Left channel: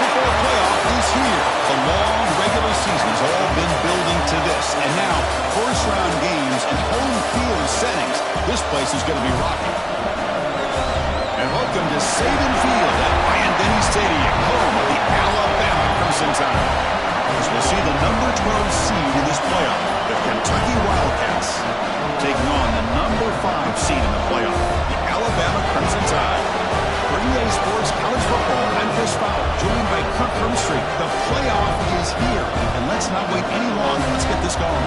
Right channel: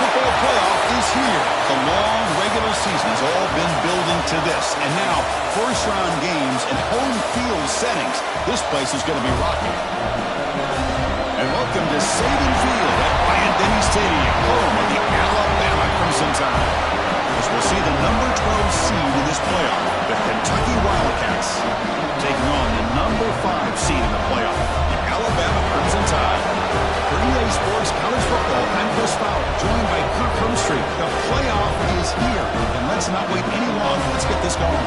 football playoff is here. The long regular season has all been building to this. And now, first-round games in home field settings. This place is going to be rocking. And welcome to Saban Field at Bryant-Denny Stadium, home of the Alabama Crimson Tide. As we'll see the number 12 seed in this playoff, the Kentucky Wildcats, taking on the number 5 seed in the playoff, the Alabama Crimson Tide. For EA Sports College Football, I'm Chris Fowler, joined by Kirk Hermstreet. The playoff is here, and let's not wait any longer. Let's get this going.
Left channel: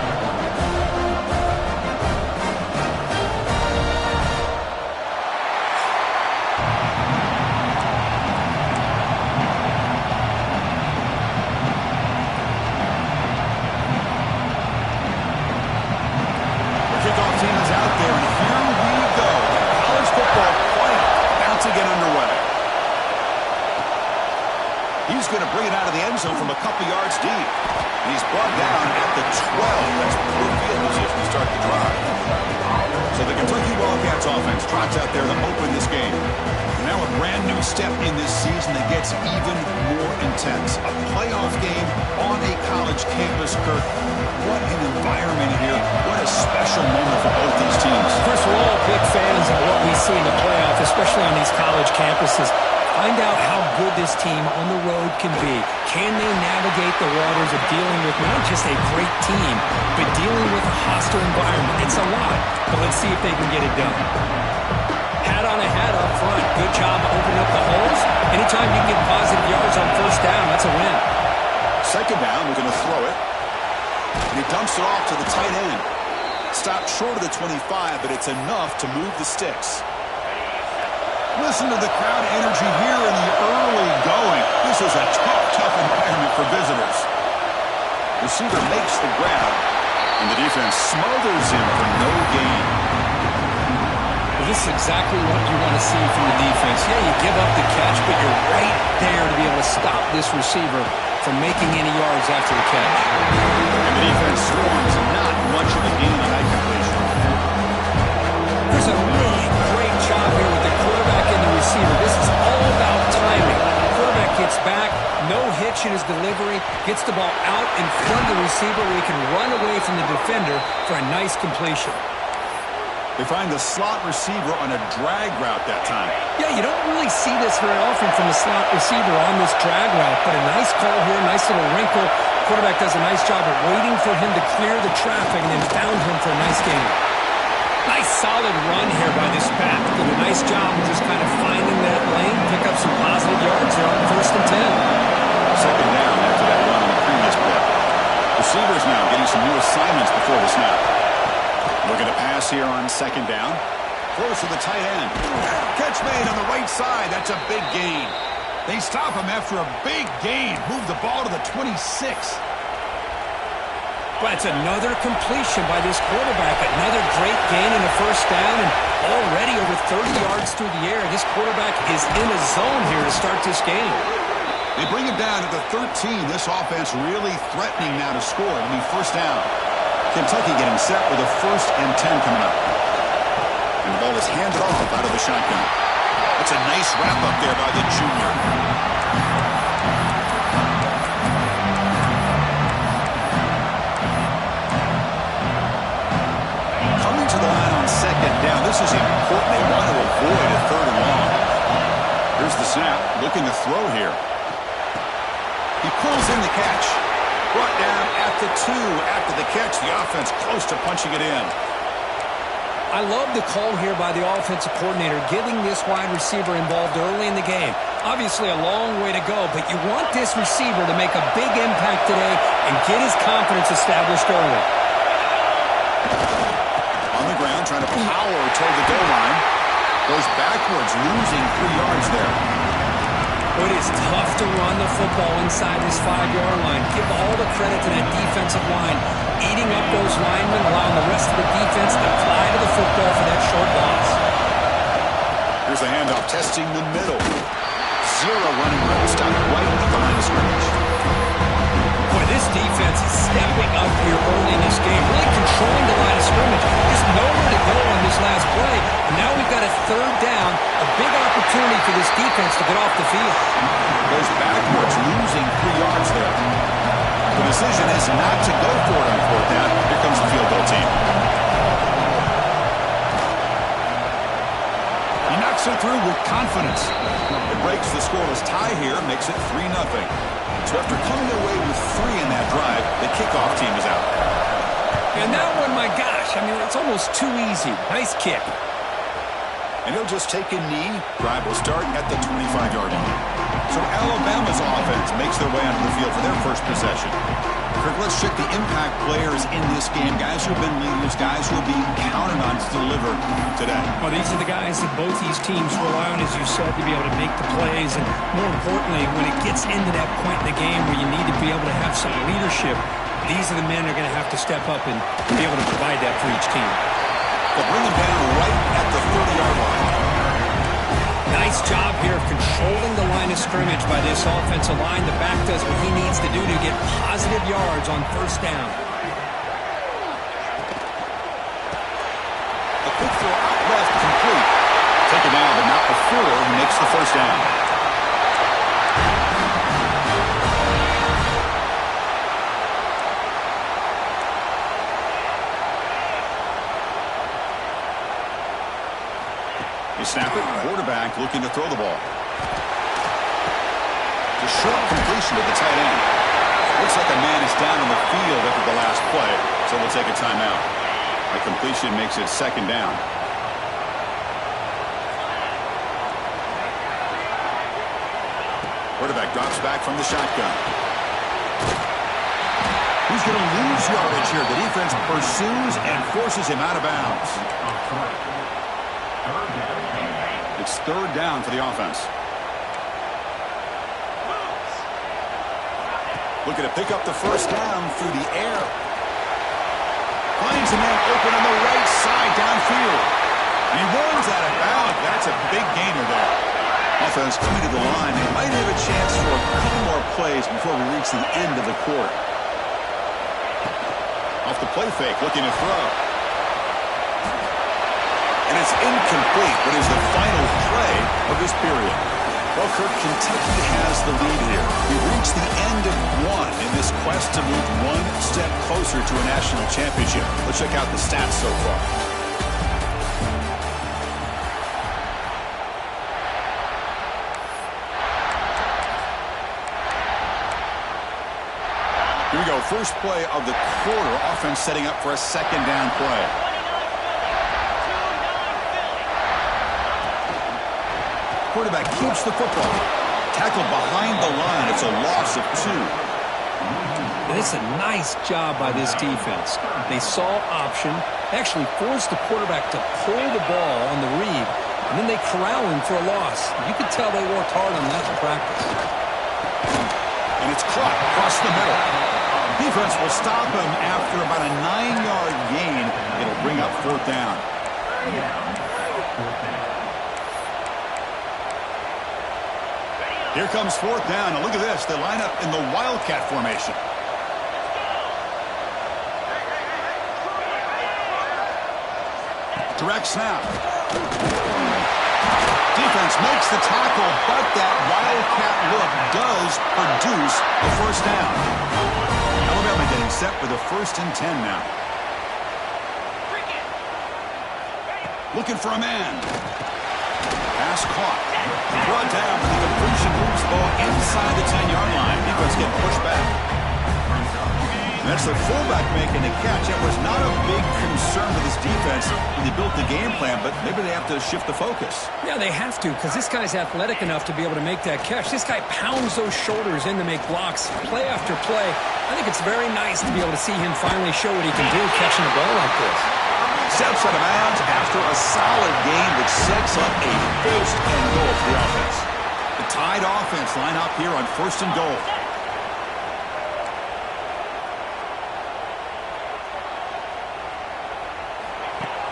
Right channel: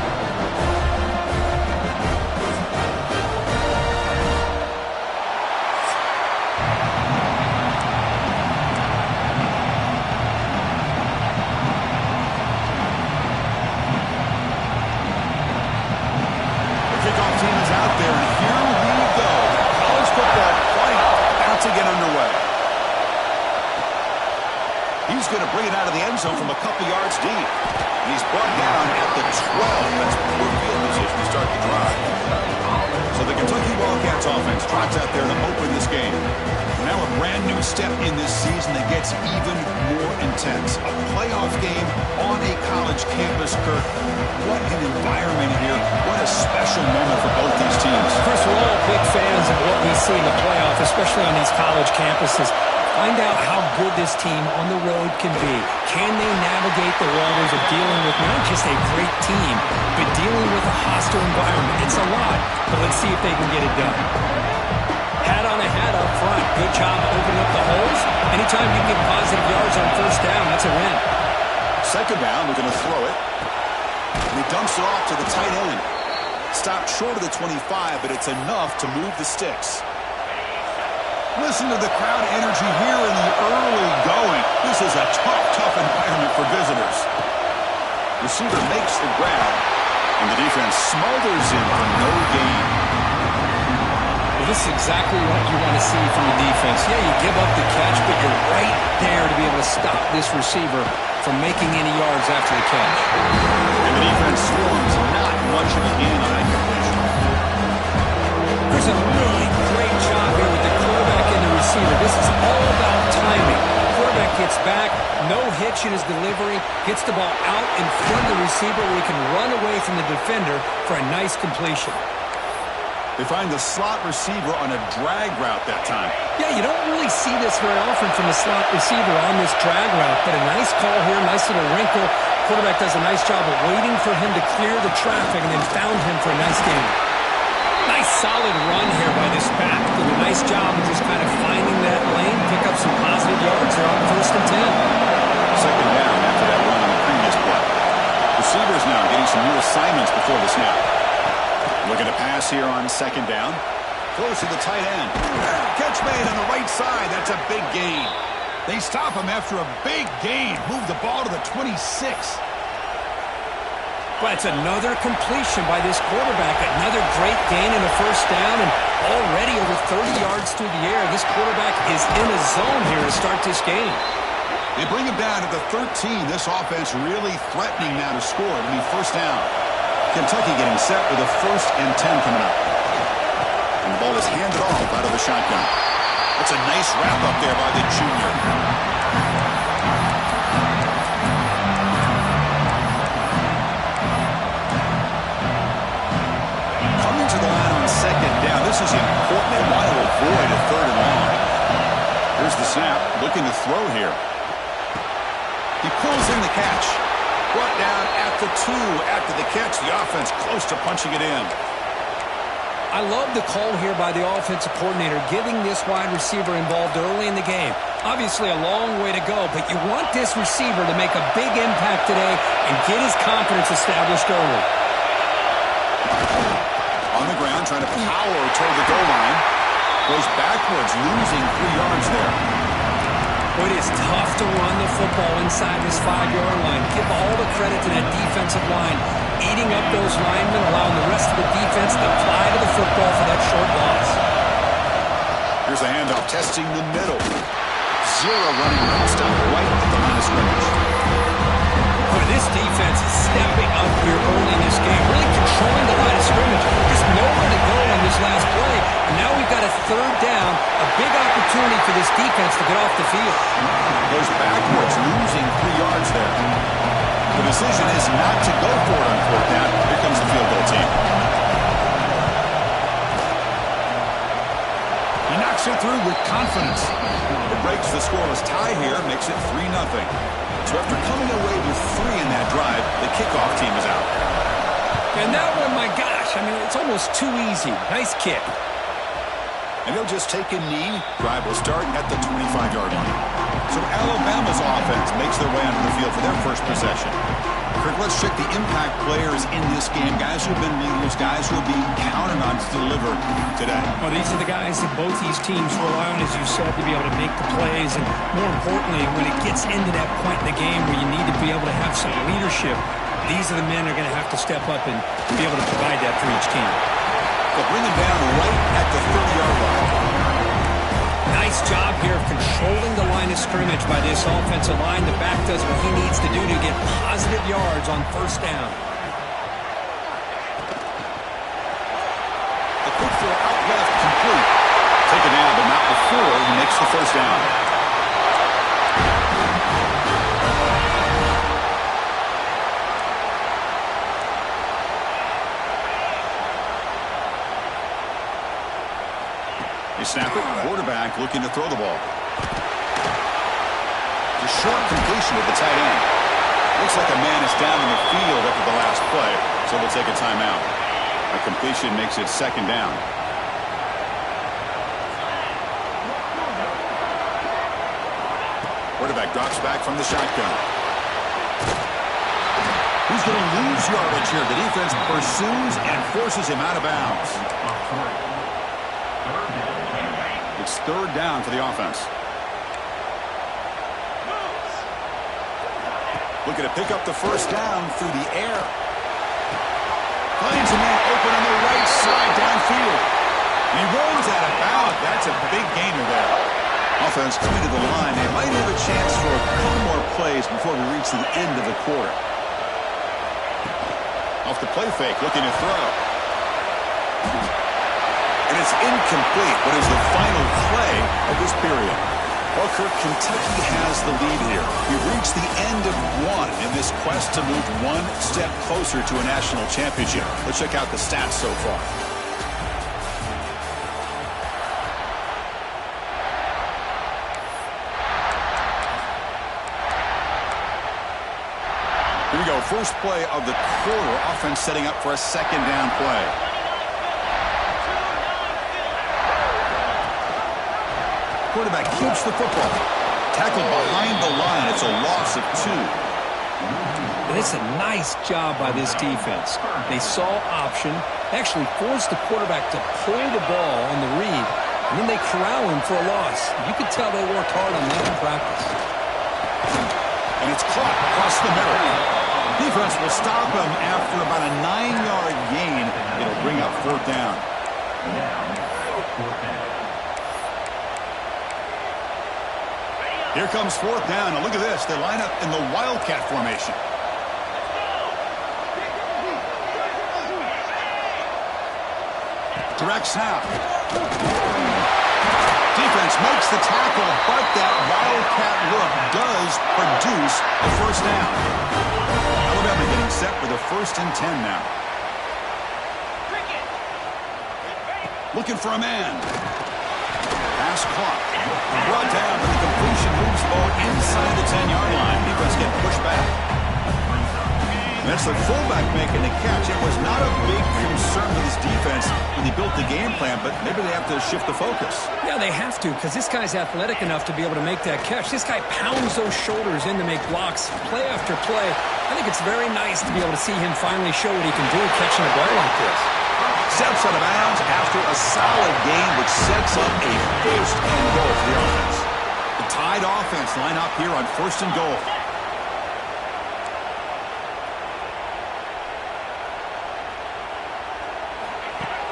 Kickoff team is out there, and here we go. The college football playoff about to get underway. He's going to bring it out of the end zone from a couple yards deep. And he's brought down at the 12. That's poor field position to start the drive. So the Kentucky Wildcats offense trots out there to open this game. Now a brand new step in this season that gets even more intense. A playoff game on a college campus, Kirk. What an environment here. What a special moment for both these teams. Chris, we're all big fans of what we see in the playoff, especially on these college campuses. Find out how good this team on the road can be. Can they navigate the waters of dealing with not just a great team, but dealing with a hostile environment? It's a lot, but let's see if they can get it done. Hat on a hat up front. Good job opening up the holes. Anytime you get positive yards on first down, that's a win. Second down, we're going to throw it. And he dumps it off to the tight end. Stopped short of the 25, but it's enough to move the sticks. Listen to the crowd energy here in the early going. This is a tough environment for visitors. Receiver makes the grab, and the defense smothers him for no gain. Well, this is exactly what you want to see from the defense. Yeah, you give up the catch, but you're right there to be able to stop this receiver from making any yards after the catch. And the defense swarms not much of a gain on that completion. There's a really great job here with the quarterback and the receiver. This is all about timing. Quarterback gets back, no hitch in his delivery, gets the ball out in front of the receiver where he can run away from the defender for a nice completion. They find the slot receiver on a drag route that time. Yeah, you don't really see this very often from the slot receiver on this drag route, but a nice call here, nice little wrinkle. Quarterback does a nice job of waiting for him to clear the traffic and then found him for a nice gain. Nice solid run here by this back. Did a nice job of just kind of finding that lane, pick up some positive yards there on first and 10. Second down after that run on the previous play. Receivers now getting some new assignments before the snap. Looking to pass here on second down. Close to the tight end. Catch made on the right side. That's a big gain. They stop him after a big gain. Move the ball to the 26. Well, it's another completion by this quarterback. Another great gain in a first down, and already over 30 yards through the air. This quarterback is in a zone here to start this game. They bring him down to the 13. This offense really threatening now to score. It'll be first down. Kentucky getting set with a first and 10 coming up. And the ball is handed off out of the shotgun. That's a nice wrap up there by the junior. Coming to the line on second down. This is important. They want to avoid a third and long. Here's the snap. Looking to throw here. He pulls in the catch. Brought down at the 2 after the catch. The offense close to punching it in. I love the call here by the offensive coordinator, getting this wide receiver involved early in the game. Obviously a long way to go, but you want this receiver to make a big impact today and get his confidence established early. On the ground, trying to power toward the goal line. Goes backwards, losing 3 yards there. It is tough to run the football inside this 5-yard line. Give all the credit to that defensive line, eating up those linemen, allowing the rest of the defense to fly to the football for that short loss. Here's a handoff, testing the middle. Zero running room, stopped right at the line of scrimmage. Boy, this defense defense is stepping up here early in this game, really controlling the line of scrimmage. Just nowhere to go on this last play. And now we've got a third down, a big opportunity for this defense to get off the field. Goes backwards, losing 3 yards there. The decision is not to go for it on fourth down. Here comes the field goal team. He knocks it through with confidence. It breaks the scoreless tie here, makes it 3-0. So after coming away with 3 in that drive, the kickoff team is out. And that one, my gosh, I mean, it's almost too easy. Nice kick. And he'll just take a knee. Drive will start at the 25-yard line. So Alabama's offense makes their way onto the field for their first possession. Kirk, let's check the impact players in this game. Guys who have been leaders, guys who are being counted on to deliver today. Well, these are the guys that both these teams rely on, as you said, to be able to make the plays. And more importantly, when it gets into that point in the game where you need to be able to have some leadership, these are the men that are going to have to step up and be able to provide that for each team. They'll bring him down right at the 30-yard line. Nice job here of controlling the line of scrimmage by this offensive line. The back does what he needs to do to get positive yards on first down. A quick throw out left, complete. Taken down, but not before he makes the first down. They snap it, quarterback looking to throw the ball. The short completion to the tight end. Looks like a man is down on the field after the last play, so we'll take a timeout. A completion makes it second down. Quarterback drops back from the shotgun. He's going to lose yardage here. The defense pursues and forces him out of bounds. It's third down for the offense. Looking to pick up the first down through the air. Finds a man open on the right side downfield. And he runs out of bounds. That's a big gainer there. Offense coming to the line. They might have a chance for a couple more plays before we reach the end of the quarter. Off the play fake, looking to throw. And it's incomplete, but is the final play of this period. Well, Kirk, Kentucky has the lead here. We've reached the end of one in this quest to move one step closer to a national championship. Let's check out the stats so far. Here we go. First play of the quarter. Offense setting up for a second down play. Quarterback keeps the football. Tackled behind the line. It's a loss of 2. And it's a nice job by this defense. They saw option, actually forced the quarterback to pull the ball on the read, and then they corral him for a loss. You could tell they worked hard on that in practice. And it's caught across the middle. Defense will stop him after about a 9-yard gain. It'll bring up fourth down. Here comes fourth down. And look at this. They line up in the Wildcat formation. Direct snap. Defense makes the tackle, but that Wildcat look does produce a first down. Alabama getting set with a 1st and 10 now. Looking for a man. Pass caught. Brought down, but the completion moves the ball inside the 10-yard line. Defense getting pushed back. And that's the fullback making the catch. It was not a big concern for this defense when they built the game plan, but maybe they have to shift the focus. Yeah, they have to, because this guy's athletic enough to be able to make that catch. This guy pounds those shoulders in to make blocks play after play. I think it's very nice to be able to see him finally show what he can do catching a ball like this. Steps out of bounds after a solid game, which sets up a 1st and goal for the offense. The Tide offense line up here on 1st and goal.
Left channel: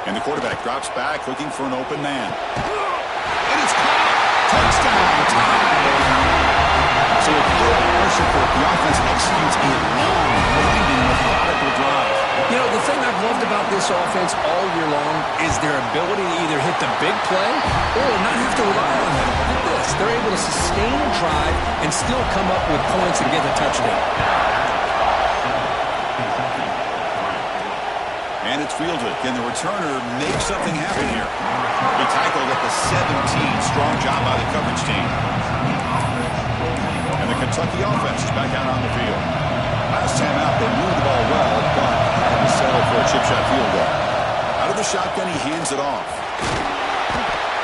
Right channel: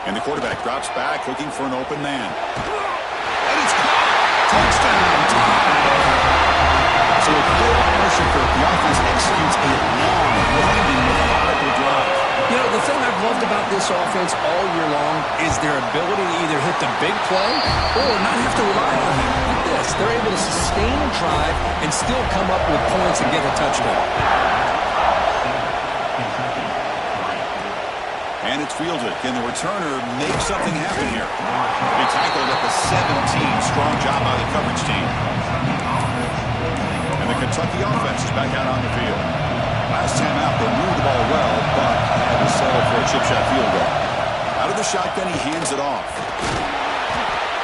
And the quarterback drops back, looking for an open man. And it's caught! Touchdown, Tide! So with good pressure, the offense executes a long the drive. You know, the thing I've loved about this offense all year long is their ability to either hit the big play or not have to rely on them. Like this, they're able to sustain a drive and still come up with points and get a touchdown. And it's fielded. Can the returner make something happen here? He tackled at the 17. Strong job by the coverage team. And the Kentucky offense is back out on the field. Last time out, they moved the ball well, but had to settle for a chip shot field goal. Out of the shotgun, he hands it off.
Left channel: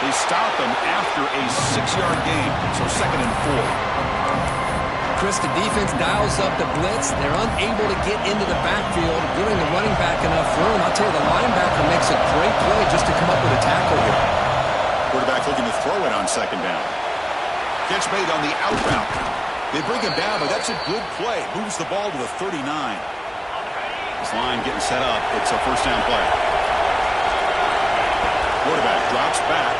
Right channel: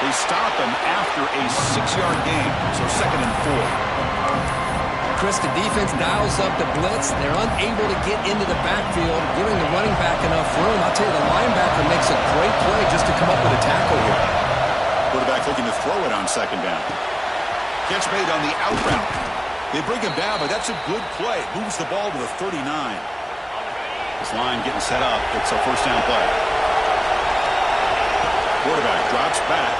They stop him after a 6-yard gain, so 2nd and 4. Chris, the defense dials up the blitz. They're unable to get into the backfield, giving the running back enough room. I'll tell you, the linebacker makes a great play just to come up with a tackle here. Quarterback looking to throw it on 2nd down. Catch made on the out route. They bring him down, but that's a good play. Moves the ball to the 39. This line getting set up. It's a 1st down play. Quarterback drops back.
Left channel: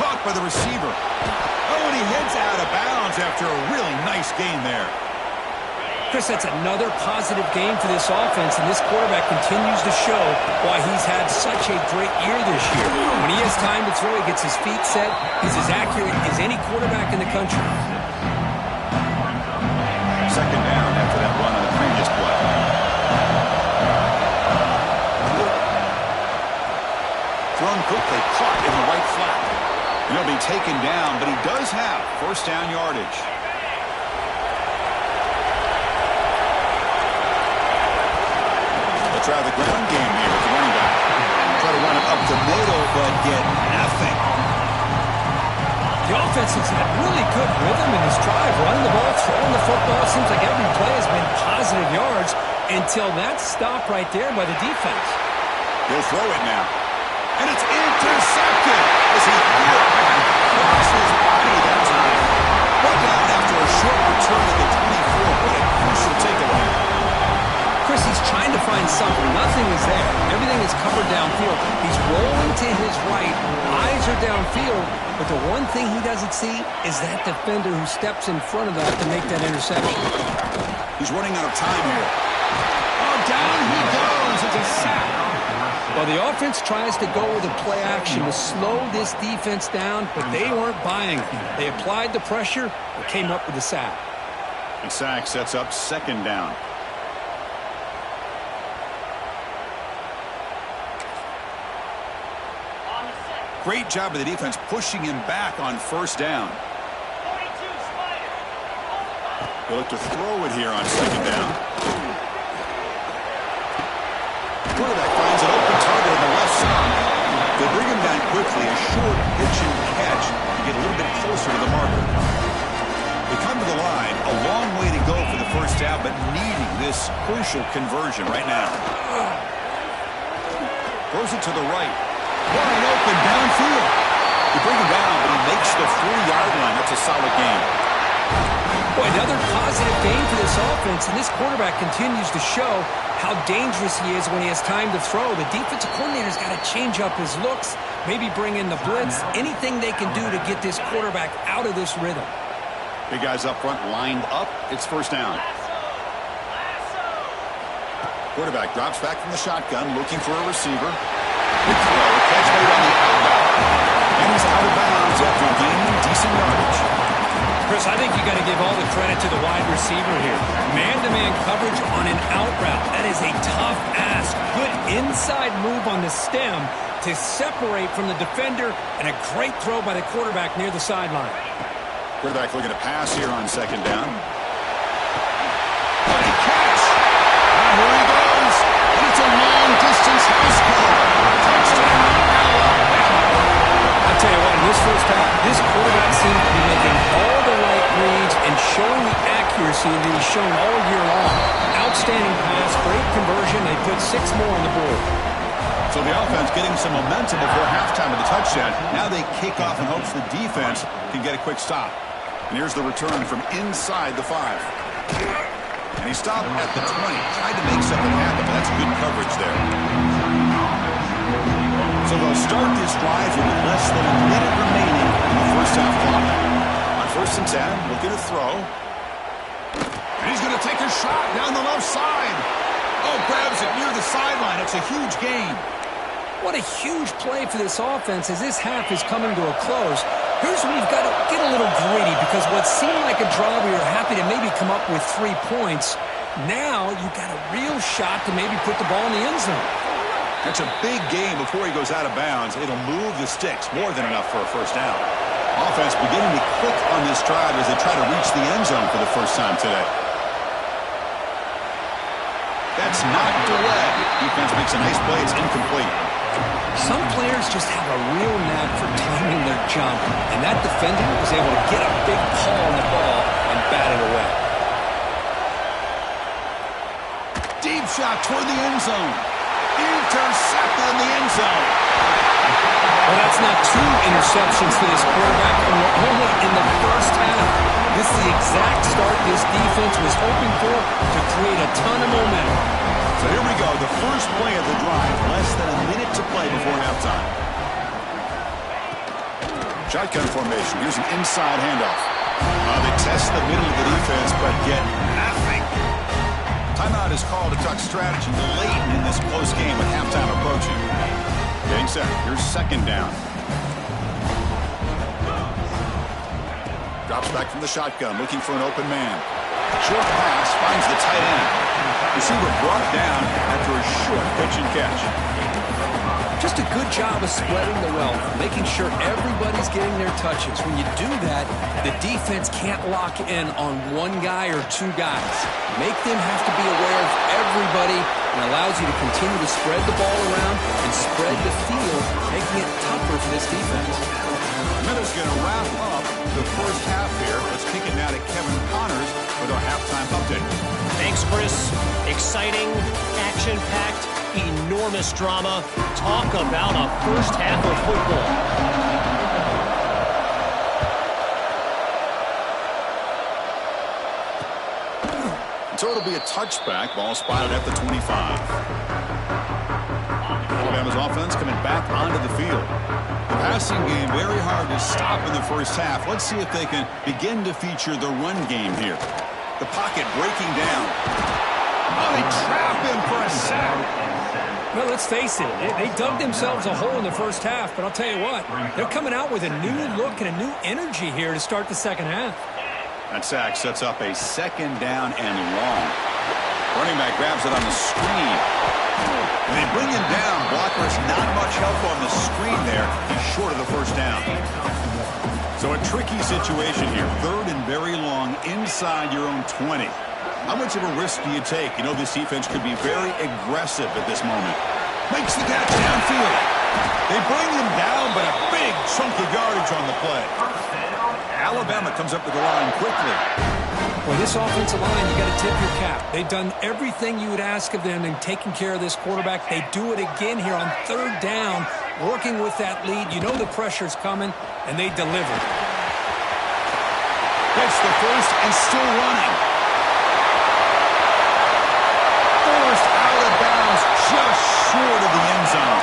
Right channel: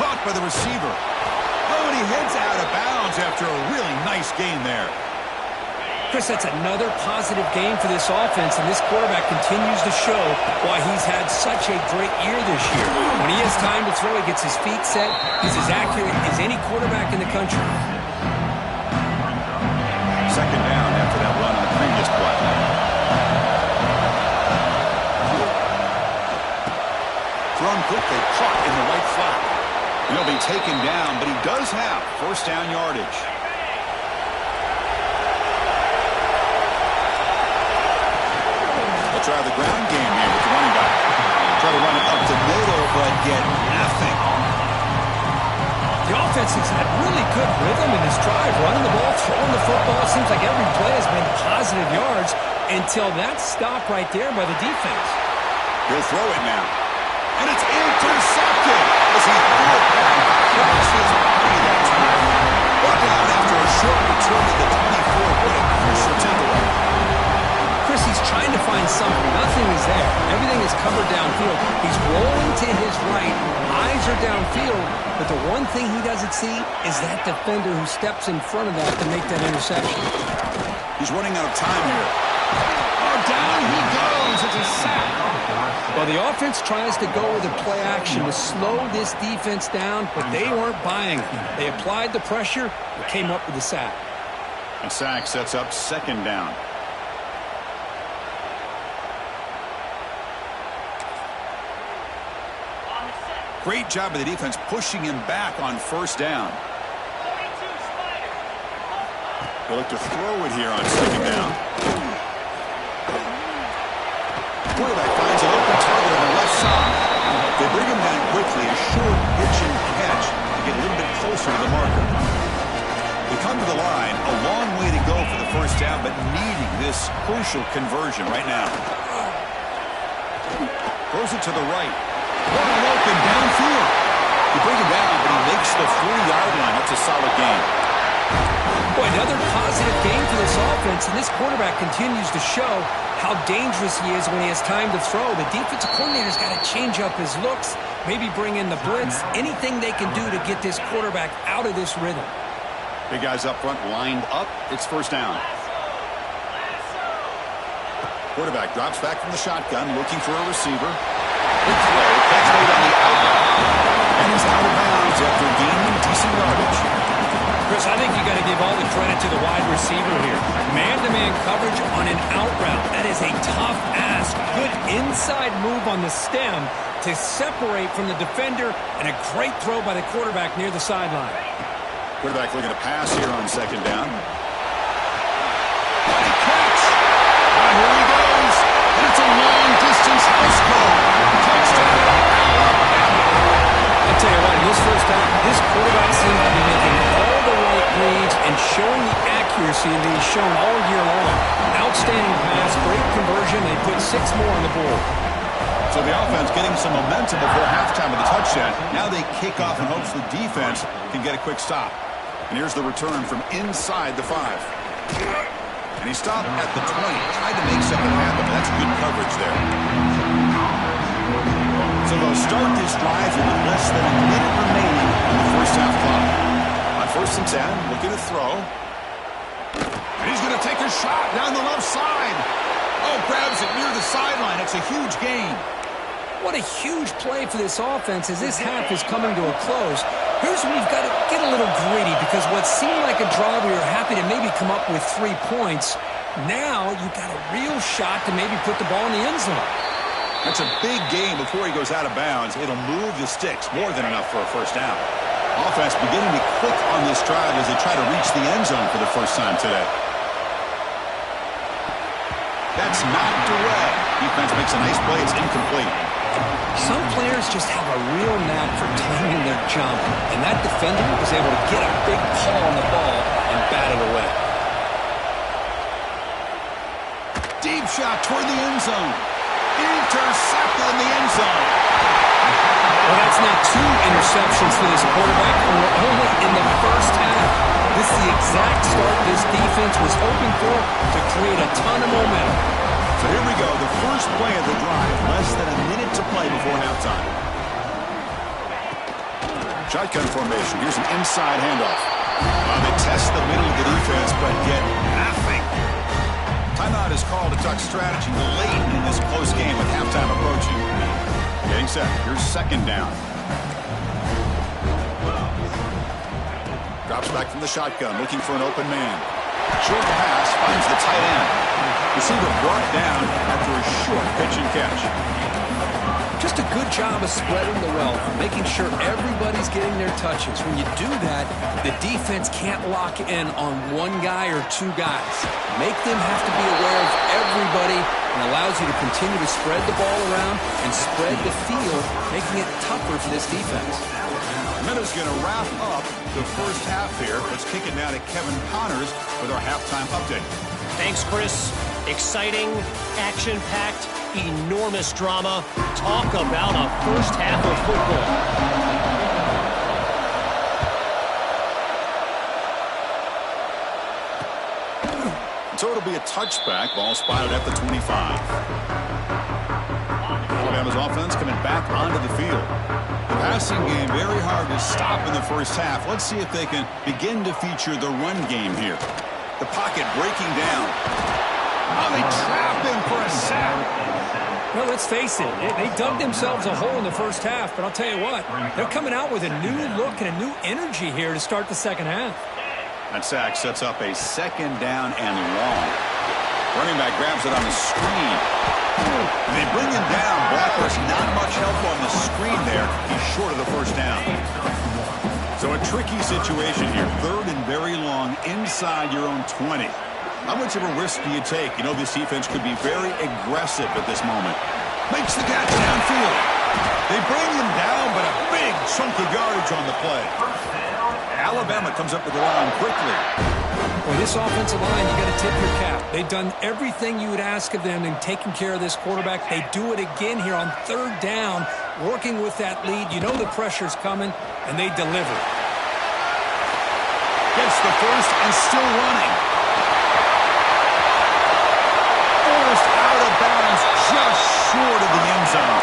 Caught by the receiver. Oh, and he heads out of bounds after a really nice gain there. Chris, that's another positive game for this offense, and this quarterback continues to show why he's had such a great year this year. When he has time to throw, he gets his feet set. He's as accurate as any quarterback in the country. 2nd down after that run on the previous play. Thrown quickly, caught in the right flat. He'll be taken down, but he does have 1st down yardage. They'll try the ground game here with the running back. Try to run it up the middle, but get nothing. The offense has had really good rhythm in this drive, running the ball, throwing the football. It seems like every play has been positive yards until that stop right there by the defense. He'll throw it now. And it's intercepted as he threw it back across his body that time. Brought down after a short return to the 24. What a crucial takeaway. Chris, he's trying to find something. Nothing is there. Everything is covered downfield. He's rolling to his right. Eyes are downfield. But the one thing he doesn't see is that defender who steps in front of that to make that interception. He's running out of time here. Oh, down he goes. It's a sack. Well, the offense tries to go with a play action to slow this defense down, but they weren't buying it. They applied the pressure and came up with the sack. And sack sets up 2nd down. Great job of the defense pushing him back on 1st down. He'll look to throw it here on 2nd down. Quarterback finds an open target on the left side. They bring him down quickly, a short pitch and catch to get a little bit closer to the marker. They come to the line, a long way to go for the 1st down, but needing this crucial conversion right now. Throws it to the right. Wide open downfield. They bring him down, but he makes the 4-yard line. That's a solid game. Boy, another positive game for this offense, and this quarterback continues to show how dangerous he is when he has time to throw. The defensive coordinator's got to change up his looks, maybe bring in the blitz, anything they can do to get this quarterback out of this rhythm. Big guys up front lined up. It's 1st down. Quarterback drops back from the shotgun, looking for a receiver. Big throw, catch made on the out route. And he's out of bounds after gaining decent yardage. Chris, I think you got to give all the credit to the wide receiver here. Man-to-man coverage on an out route. That is a tough ask. Good inside move on the stem to separate from the defender, and a great throw by the quarterback near the sideline. Quarterback looking to pass here on 2nd down. Mighty catch. Now here he goes. And it's a long-distance house call. Touchdown, Alabama. I'll tell you what, in this 1st half, this quarterback seems to be making all the right reads and showing the accuracy that he's shown all year long. Outstanding pass, great conversion. They put 6 more on the board. So the offense getting some momentum before halftime with the touchdown. Now they kick off in hopes the defense can get a quick stop. And here's the return from inside the 5. And he stopped at the 20. Tried to make something happen, but that's good coverage there. So they'll start this drive here with less than a minute remaining in the 1st half clock. On 1st and 10, looking to throw. And he's going to take a shot down the left side. Oh, grabs it near the sideline. It's a huge gain. What a huge play for this offense as this half is coming to a close. Here's where you've got to get a little greedy because what seemed like a drive where you're happy to maybe come up with 3 points, now you've got a real shot to maybe put the ball in the end zone. That's a big gain before he goes out of bounds. It'll move the sticks more than enough for a first down. Offense beginning to click on this drive as they try to reach the end zone for the first time today. That's knocked away. Defense makes a nice play. It's incomplete. Some players just have a real knack for timing their jump, and that defender was able to get a big paw on the ball and bat it away. Deep shot toward the end zone. Intercepted in the end zone. Well, that's now 2 interceptions for this quarterback, and we're only in the first half. This is the exact start this defense was hoping for to create a ton of momentum. So here we go, the first play of the drive, less than a minute to play before halftime. Shotgun formation, here's an inside handoff. They test the middle of the defense, but get nothing. Timeout is called to talk strategy late in this close game with halftime approaching. Getting set, here's second down. Drops back from the shotgun, looking for an open man. Short pass, finds the tight end. Receiver brought down after a short pitch and catch. Just a good job of spreading the wealth, making sure everybody's getting their touches. When you do that, the defense can't lock in on 1 guy or 2 guys. Make them have to be aware of everybody and allows you to continue to spread the ball around and spread the field, making it tougher for this defense. Minutes going to wrap up the first half here. Let's kick it now to Kevin Connors with our halftime update. Thanks, Chris. Exciting, action-packed, enormous drama. Talk about a first half of football. So it'll be a touchback. Ball spotted at the 25. Alabama's offense coming back onto the field. The passing game very hard to stop in the first half. Let's see if they can begin to feature the run game here. The pocket breaking down. Oh, they trap him for a sack. Well, let's face it, they dug themselves a hole in the first half, but I'll tell you what, they're coming out with a new look and a new energy here to start the second half. That sack sets up a second down and long. Running back grabs it on the screen. They bring him down. Blockers not much help on the screen there. He's short of the first down. So a tricky situation here. 3rd and very long inside your own 20. How much of a risk do you take? You know this defense could be very aggressive at this moment. Makes the catch downfield. They bring him down, but a big chunk of yardage on the play. Alabama comes up to the line quickly. Boy, this offensive line, you got to tip your cap. They've done everything you would ask of them in taking care of this quarterback. They do it again here on 3rd down, working with that lead. You know the pressure's coming, and they deliver. Gets the first and still running. Forced out of bounds, just short of the end zone.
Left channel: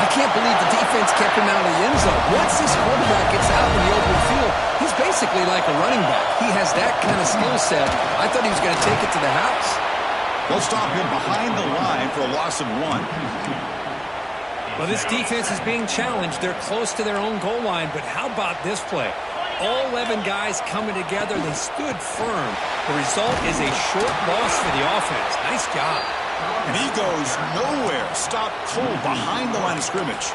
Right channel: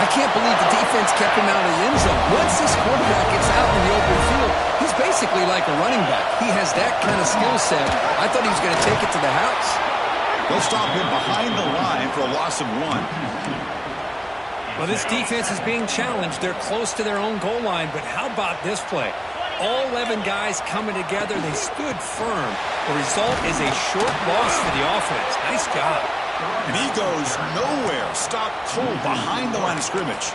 I can't believe the defense kept him out of the end zone. Once this quarterback gets out in the open field, he's basically like a running back. He has that kind of skill set. I thought he was going to take it to the house. They'll stop him behind the line for a loss of 1. Well, this defense is being challenged. They're close to their own goal line, but how about this play? All 11 guys coming together. They stood firm. The result is a short loss for the offense. Nice job. And he goes nowhere. Stopped cold behind the line of scrimmage.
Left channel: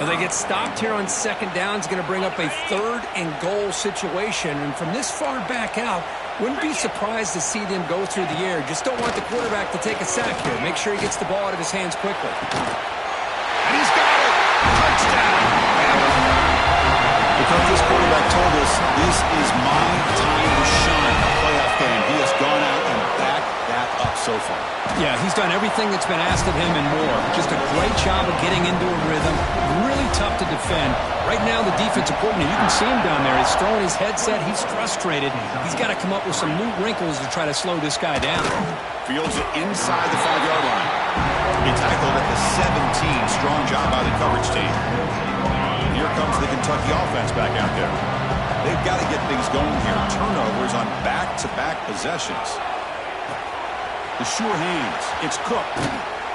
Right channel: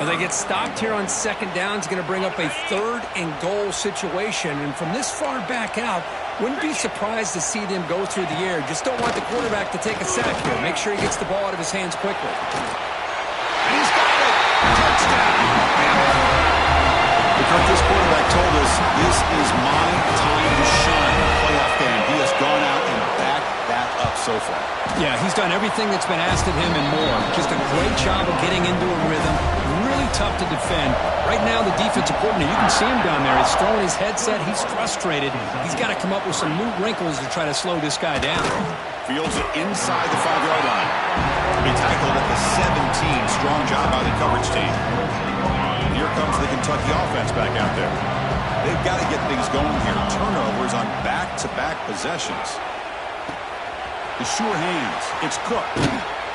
Well, they get stopped here on 2nd down. It's going to bring up a 3rd and goal situation. And from this far back out, wouldn't be surprised to see them go through the air. Just don't want the quarterback to take a sack here. Make sure he gets the ball out of his hands quickly. And he's got it. Touchdown. Because this quarterback told us this is my time to shine in a playoff game. He has gone out and backed that up so far. Yeah, he's done everything that's been asked of him and more. Just a great job of getting into a rhythm. Really tough to defend. Right now, the defensive coordinator, you can see him down there. He's throwing his headset. He's frustrated. He's got to come up with some new wrinkles to try to slow this guy down. Fields it inside the 5-yard line. He tackled at the 17. Strong job by the coverage team. Here comes the Kentucky offense back out there. They've got to get things going here. Turnovers on back-to-back possessions. The sure hands. It's Cook.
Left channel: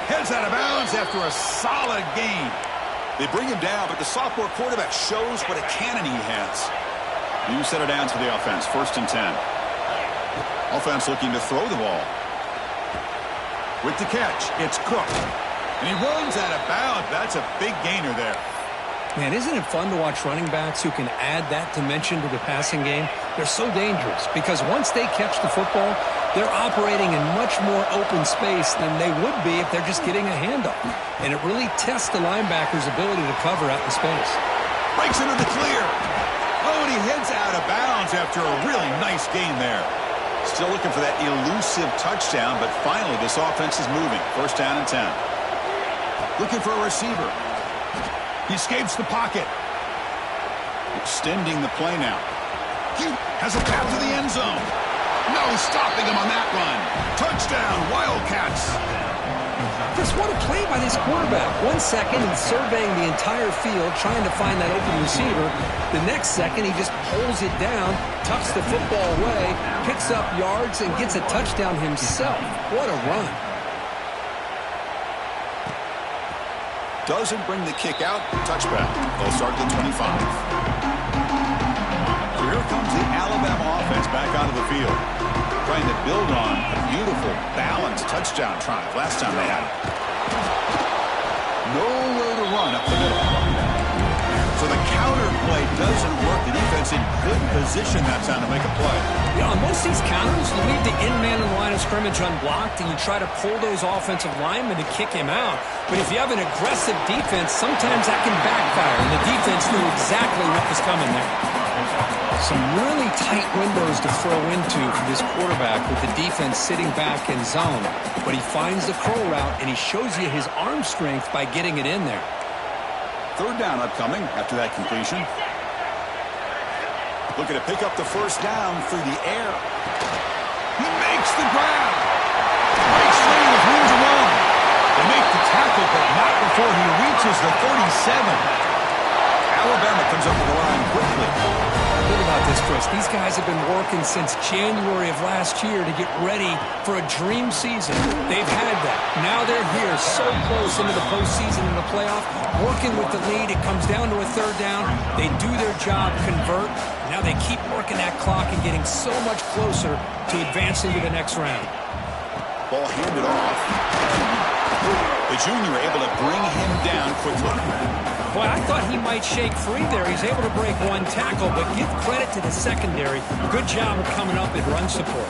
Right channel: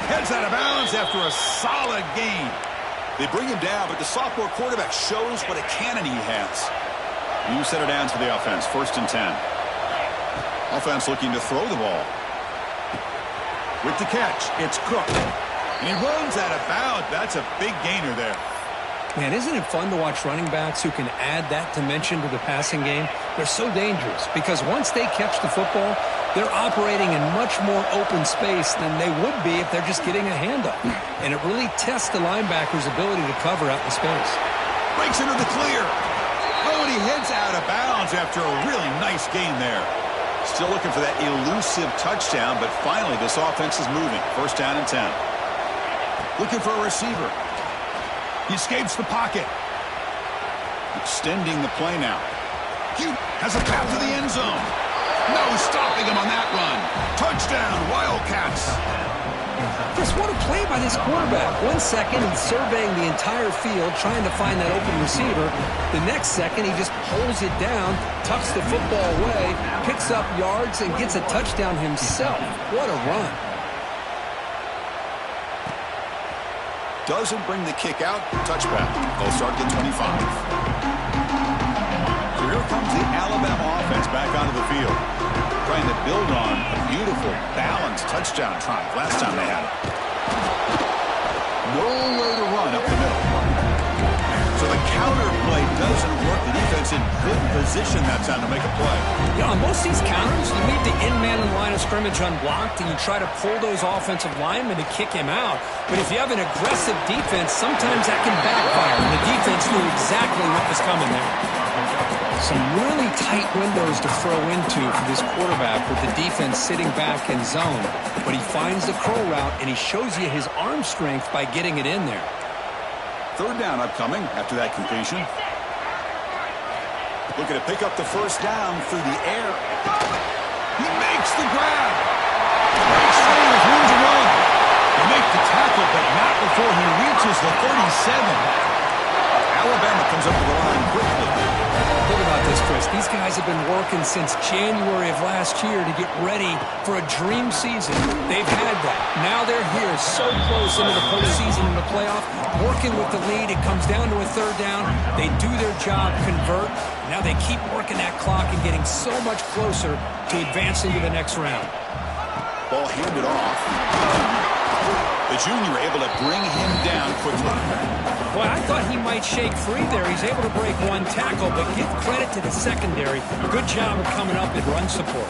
Heads out of bounds after a solid gain. They bring him down, but the sophomore quarterback shows what a cannon he has. New set of downs for the offense. 1st and 10. Offense looking to throw the ball. With the catch, it's Cook. And he runs out of bounds. That's a big gainer there. Man, isn't it fun to watch running backs who can add that dimension to the passing game? They're so dangerous because once they catch the football, they're operating in much more open space than they would be if they're just getting a handoff. And it really tests the linebacker's ability to cover out in space. Breaks into the clear. Oh, and he heads out of bounds after a really nice gain there. Still looking for that elusive touchdown, but finally this offense is moving. 1st down and 10. Looking for a receiver. He escapes the pocket. Extending the play now. He has a path to the end zone. No stopping him on that run. Touchdown, Wildcats. Chris, what a play by this quarterback. 1 second, he's surveying the entire field, trying to find that open receiver. The next second, he just pulls it down, tucks the football away, picks up yards, and gets a touchdown himself. What a run. Doesn't bring the kick out. Touchback. They'll start at the 25. So here comes the Alabama offense back onto the field. Trying to build on a beautiful, balanced touchdown drive last time they had it. Nowhere to run up the middle. So the counter play doesn't work. The defense in good position that time to make a play. Yeah, on most of these counters, you leave the in man in the line of scrimmage unblocked, and you try to pull those offensive linemen to kick him out. But if you have an aggressive defense, sometimes that can backfire, and the defense knew exactly what was coming there. Some really tight windows to throw into for this quarterback with the defense sitting back in zone. But he finds the curl route, and he shows you his arm strength by getting it in there. 3rd down upcoming after that completion. Looking to pick up the 1st down through the air. He makes the grab. Breaks free with room to run. They make the tackle, but not before he reaches the 37. Alabama comes up with the line quickly. Think about this, Chris. These guys have been working since January of last year to get ready for a dream season. They've had that. Now they're here so close into the postseason and the playoff, working with the lead. It comes down to a 3rd down. They do their job, convert. Now they keep working that clock and getting so much closer to advancing to the next round. Ball handed off. The junior able to bring him down quickly. Boy, I thought he might shake free there. He's able to break 1 tackle, but give credit to the secondary. Good job of coming up in run support.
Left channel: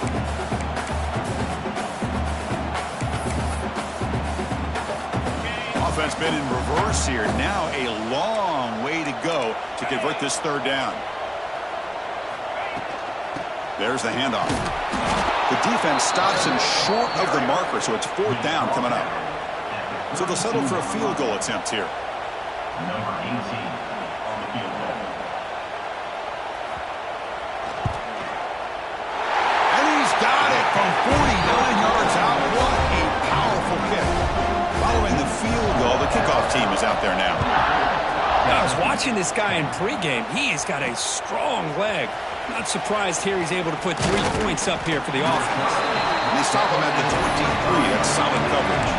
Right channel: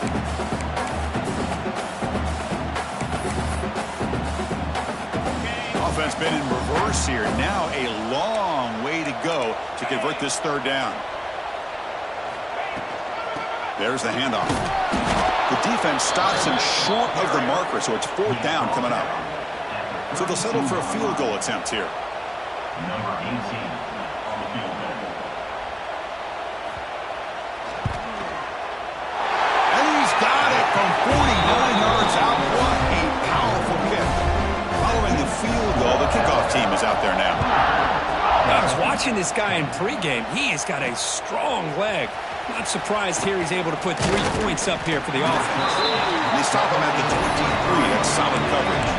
Offense been in reverse here. Now a long way to go to convert this 3rd down. There's the handoff. The defense stops him short of the marker, so it's 4th down coming up. So they'll settle for a field goal attempt here. Number 18 on the field goal. And he's got it from 49 yards out. What a powerful kick. Following the field goal, the kickoff team is out there now. I was watching this guy in pregame. He has got a strong leg. Not surprised here he's able to put 3 points up here for the offense. And they stop him at the 23. That's solid coverage.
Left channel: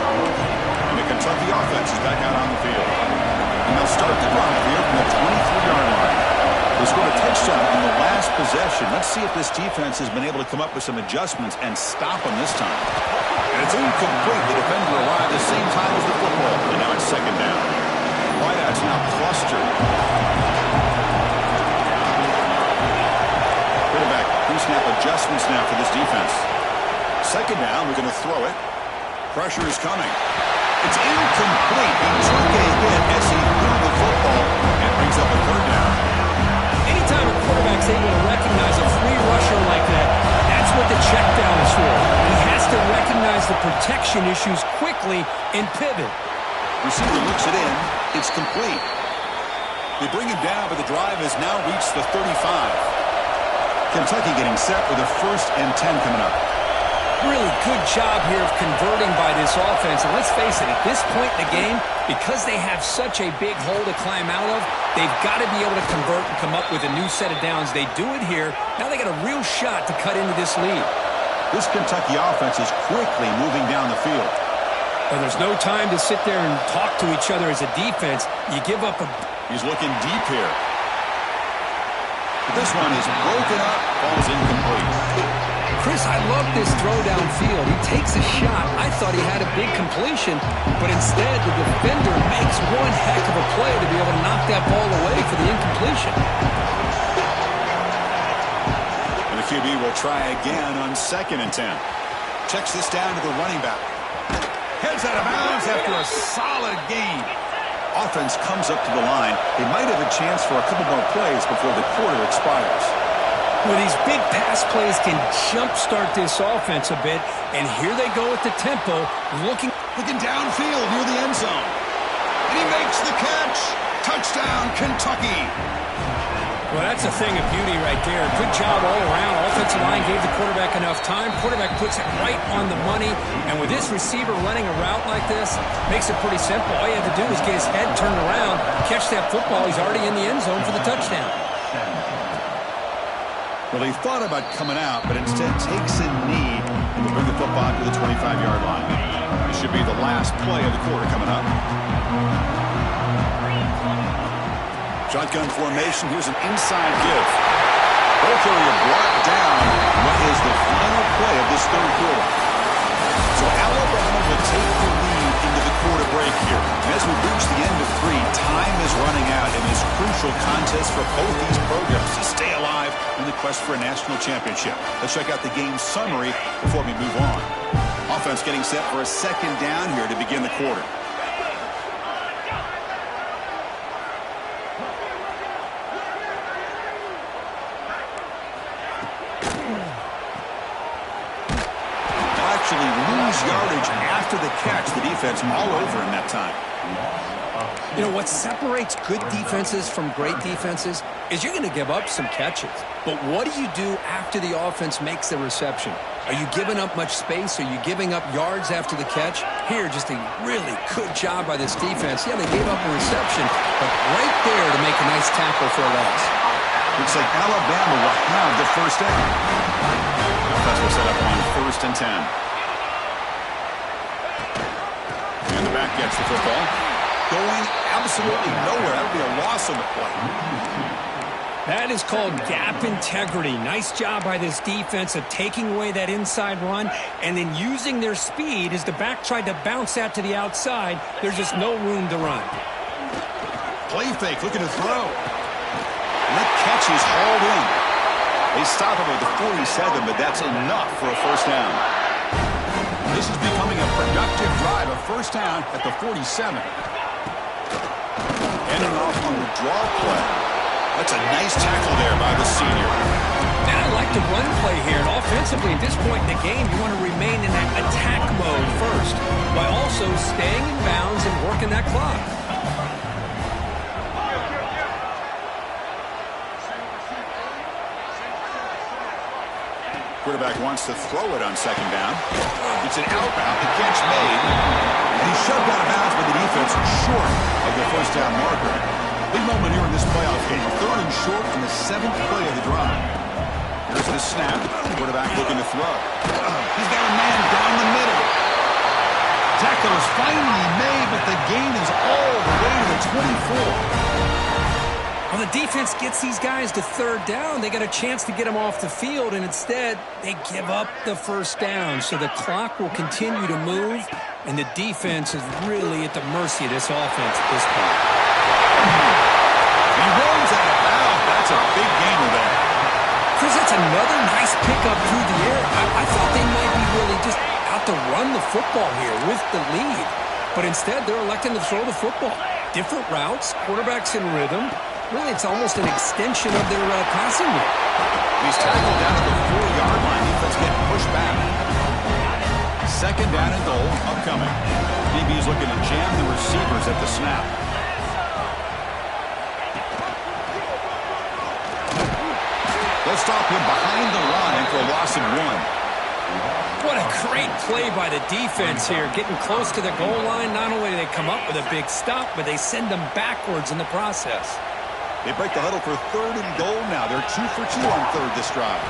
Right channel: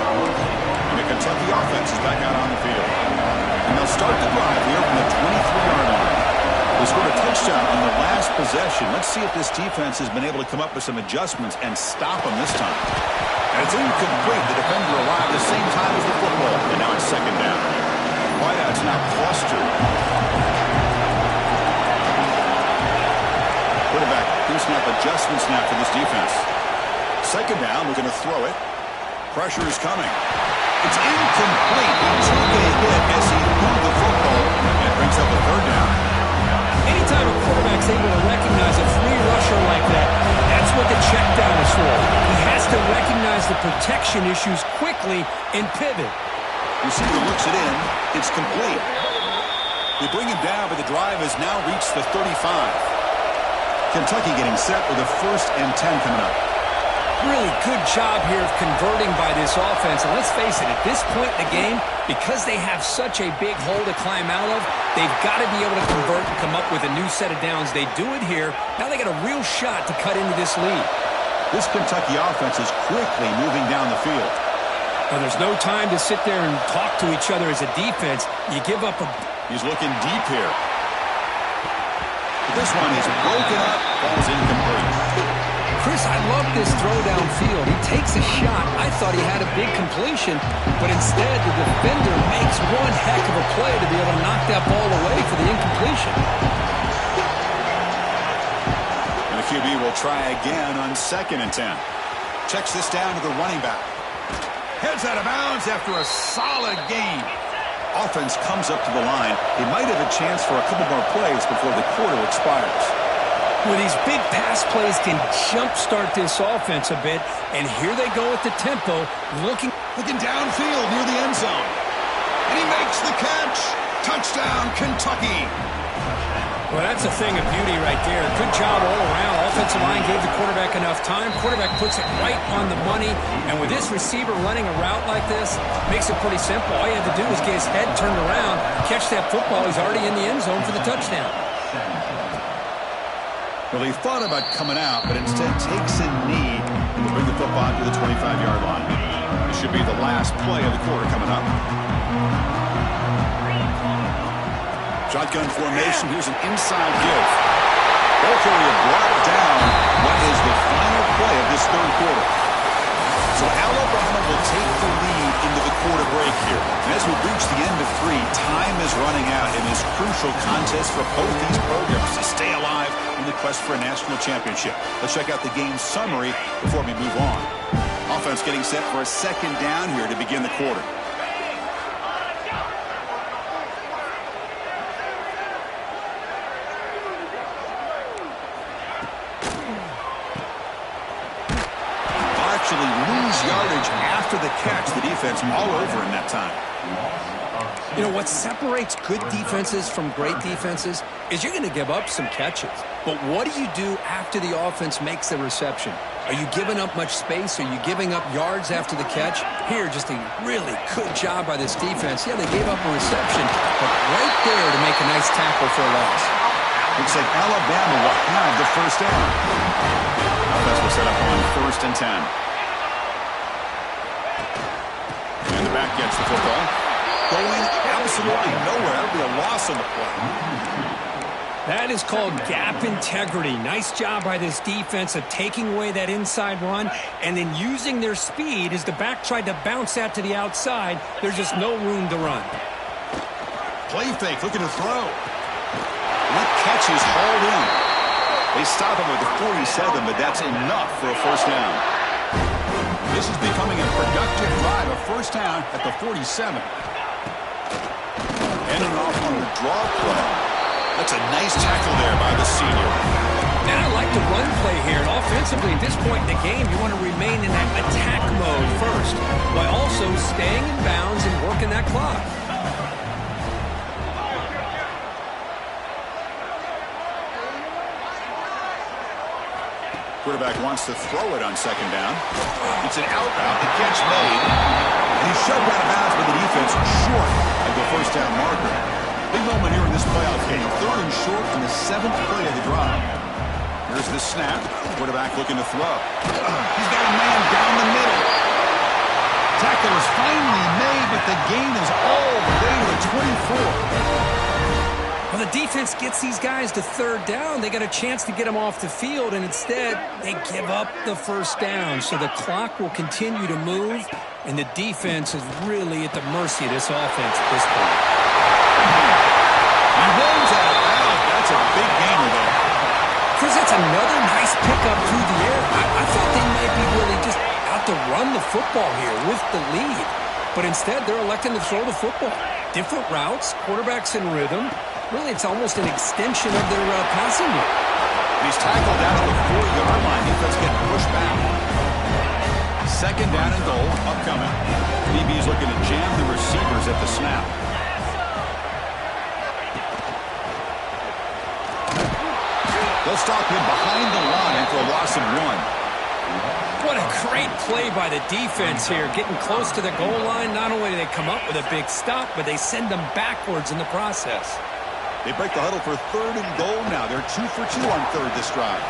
And the Kentucky offense is back out on the field. And they'll start the drive here from the 23-yard line. They scored a touchdown on the last possession. Let's see if this defense has been able to come up with some adjustments and stop them this time. And it's incomplete. The defender arrived at the same time as the football. And now it's 2nd down. Wideouts now clustered. Quarterback pre-snap adjustments now for this defense. 2nd down, we're going to throw it. Pressure is coming. It's incomplete. He took a hit as he threw the football and brings up a 3rd down. Anytime a quarterback's able to recognize a free rusher like that, that's what the check down is for. He has to recognize the protection issues quickly and pivot. Receiver looks it in. It's complete. They bring him down, but the drive has now reached the 35. Kentucky getting set with a 1st and 10 coming up. Really good job here of converting by this offense. And let's face it, at this point in the game, because they have such a big hole to climb out of, they've got to be able to convert and come up with a new set of downs. They do it here. Now they got a real shot to cut into this lead. This Kentucky offense is quickly moving down the field. Well, there's no time to sit there and talk to each other as a defense. You give up a... He's looking deep here. But this one is broken up, falls incomplete. Chris, I love this throw downfield. He takes a shot. I thought he had a big completion, but instead the defender makes one heck of a play to be able to knock that ball away for the incompletion. And the QB will try again on 2nd and 10. Checks this down to the running back. Heads out of bounds after a solid game. Offense comes up to the line. They might have a chance for a couple more plays before the quarter expires. Well, these big pass plays can jumpstart this offense a bit, and here they go at the tempo, looking downfield near the end zone. And he makes the catch. Touchdown, Kentucky. Well, that's a thing of beauty right there. Good job all around. Offensive line gave the quarterback enough time. Quarterback puts it right on the money. And with this receiver running a route like this, makes it pretty simple. All you have to do is get his head turned around, catch that football. He's already in the end zone for the touchdown. Well, he thought about coming out, but instead takes a knee and will bring the football to the 25-yard line. This should be the last play of the quarter coming up. Shotgun formation. Here's an inside give. Ball carrier brought down. What is the final play of this third quarter? So Alabama will take the lead into the quarter break here. And as we reach the end of 3, time is running out in this crucial contest for both these programs to stay alive in the quest for a national championship. Let's check out the game summary before we move on. Offense getting set for a 2nd down here to begin the quarter. Actually lose yardage after the catch. The defense all over in that time. You know, what separates good defenses from great defenses is you're going to give up some catches. But what do you do after the offense makes the reception? Are you giving up much space? Are you giving up yards after the catch? Here, just a really good job by this defense. Yeah, they gave up a reception, but right there to make a nice tackle for a loss. Looks like Alabama will have the first down. Offense will set up on 1st and 10. And the back gets the football. Going absolutely nowhere. That'll be a loss on the play. That is called gap integrity. Nice job by this defense of taking away that inside run and then using their speed as the back tried to bounce that to the outside. There's just no room to run. Play fake, looking to throw. And that catch is hauled in. They stop him at the 47, but that's enough for a first down. This is becoming a productive drive, a first down at the 47. Ending off on the draw play. That's a nice tackle there by the senior. And I like the run play here. And offensively, at this point in the game, you want to remain in that attack mode first, while also staying in bounds and working that clock. Quarterback wants to throw it on 2nd down. It's an out route. The catch made. And he's shoved out of bounds by the defense short of the first down marker. Big moment here in this playoff game. 3rd and short on the 7th play of the drive. Here's the snap. Quarterback looking to throw. He's got a man down the middle. Tackle is finally made, but the gain is all the way to the 24. Well, the defense gets these guys to 3rd down. They got a chance to get them off the field, and instead they give up the first down. So the clock will continue to move, and the defense is really at the mercy of this offense at this point. He runs out of bounds. That's a big gainer there. Chris, that's another nice pickup through the air. I thought they might be really just out to run the football here with the lead. But instead, they're electing to throw the football. Different routes, quarterbacks in rhythm. Really, it's almost an extension of their passing game. He's tackled down at the 4-yard line. Defense getting pushed back. 2nd down and goal upcoming. DB's looking to jam the receivers at the snap. They'll stop him behind the line for a loss of 1. What a great play by the defense here. Getting close to the goal line, not only do they come up with a big stop, but they send them backwards in the process. They break the huddle for 3rd and goal now. They're 2 for 2 on 3rd this drive.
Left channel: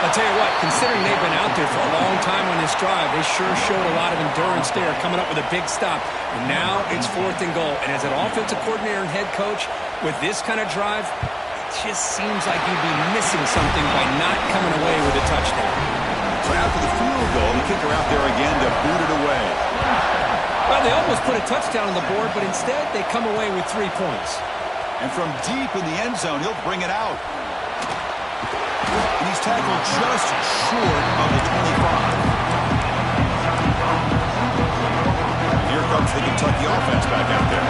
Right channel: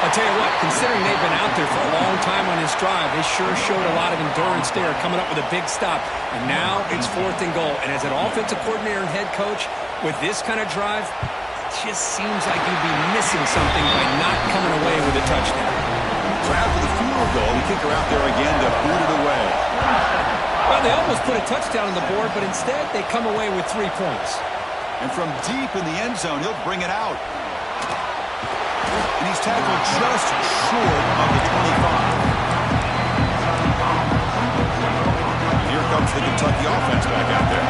I'll tell you what, considering they've been out there for a long time on this drive, they sure showed a lot of endurance there, coming up with a big stop. And now it's 4th and goal. And as an offensive coordinator and head coach, with this kind of drive, it just seems like you'd be missing something by not coming away with a touchdown. So after the field goal, the kicker out there again to boot it away. Well, they almost put a touchdown on the board, but instead they come away with 3 points. And from deep in the end zone, he'll bring it out. And he's tackled just short of the 25. And here comes the Kentucky offense back out there.